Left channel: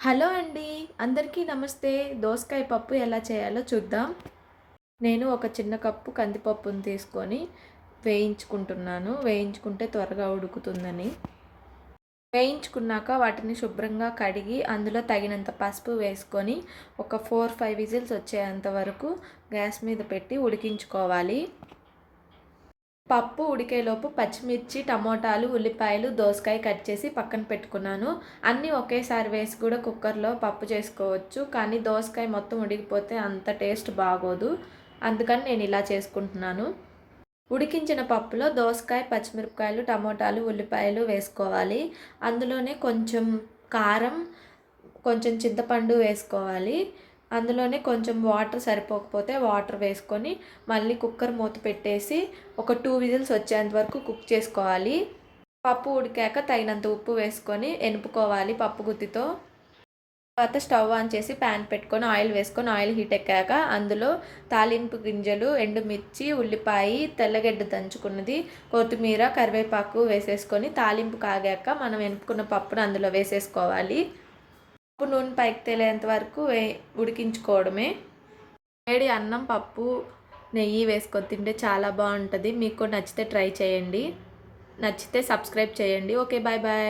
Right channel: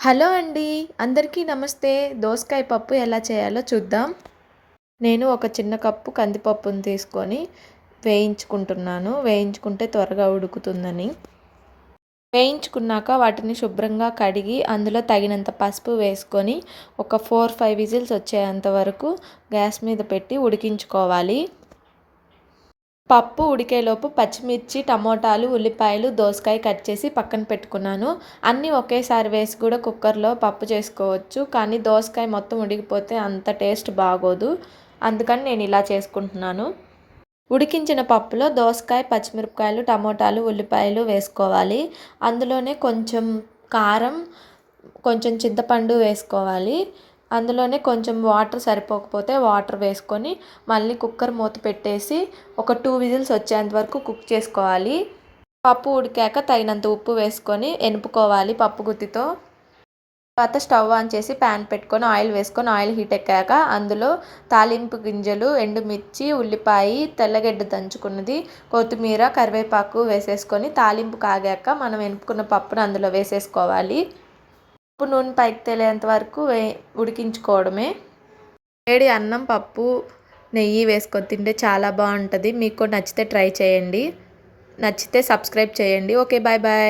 Hello అండి. అందరికీ నమస్తే. దోసకాయ పప్పు ఎలా చేయాలో చూద్దాం. నేను ఒక చిన్న కప్పు కందిపప్పుని తీసుకొని వేయించుకుంటున్నాను. వేయించుకుంటే త్వరగా ఉడుకుతుందని. వేయించుకున్నాక వాటిని శుభ్రంగా కడిగి అందులో తగినంత పసుపు వేసుకొని ఒక 4, 5 విజిల్స్ వచ్చేంత వరకు గ్యాస్ మీద పెట్టి ఉడికించుకోవాలి. పప్పు ఉడికేలోపు పచ్చిమిర్చి, టమోటాలు, ఉల్లిపాయలు, దోసకాయ కట్ చేసి పక్కన పెట్టుకున్నాను. అన్నీ ఒకేసారి వేసి కూడా కుక్కర్‌లో పప్పు చేసుకోవచ్చు. కానీ దోసకాయ మొత్తం ఉడికిపోతే అంత టేస్ట్ బాగోదు. అందుకని నేను ఇలా చేసుకుంటున్నాను. ఉడికించిన పప్పులో దోసకాయ, పచ్చిమిరపకాయలు, టమోటాలు, ఉల్లిపాయలు వేసుకోవాలి. అందులోనే కొంచెం కారం, కొంచెం చింతపండు వేసుకోవాలి. అందులోనే కొంచెం వాటర్ సరిపోకపోతే వాటర్ వేసుకొని మళ్ళీ కుక్కర్ మూత పెట్టేసి ఒక 2 విజిల్స్ వచ్చేంత వరకు కుక్ చేసుకోవాలి. పప్పు ఉడికాక తగినంత ఉప్పు వేసుకొని ఎనుపుకోవాలి పప్పు గుత్తితో. తర్వాత స్టవ్ ఆన్ చేసి ప్యాన్ పెట్టుకొని ఆయిల్ వేసుకొని ఆయిల్ హీట్ ఎక్కాక అందులో తాలింపు గింజలు, ఎండుమిర్చి, ఉల్లిపాయ, తెల్లగడ్డ దంచుకున్నది, కొత్తిమీర, కరివేపాకు వేసేసుకొని తాలింపు కాగాక మనం ఎనుపుకున్న పప్పును అందులో వేసేసుకోవాలి. పప్పు నూనె పైకి తేలేంత వరకు ఉడికించుకోవడమే. వేడి అన్నం, పప్పు, నెయ్యి వేసుకొని తింటే చాలా బాగుంటుంది. మీకు నచ్చితే ట్రై చేయండి. నచ్చితే సబ్స్క్రైబ్ చేయండి. Okay, bye bye.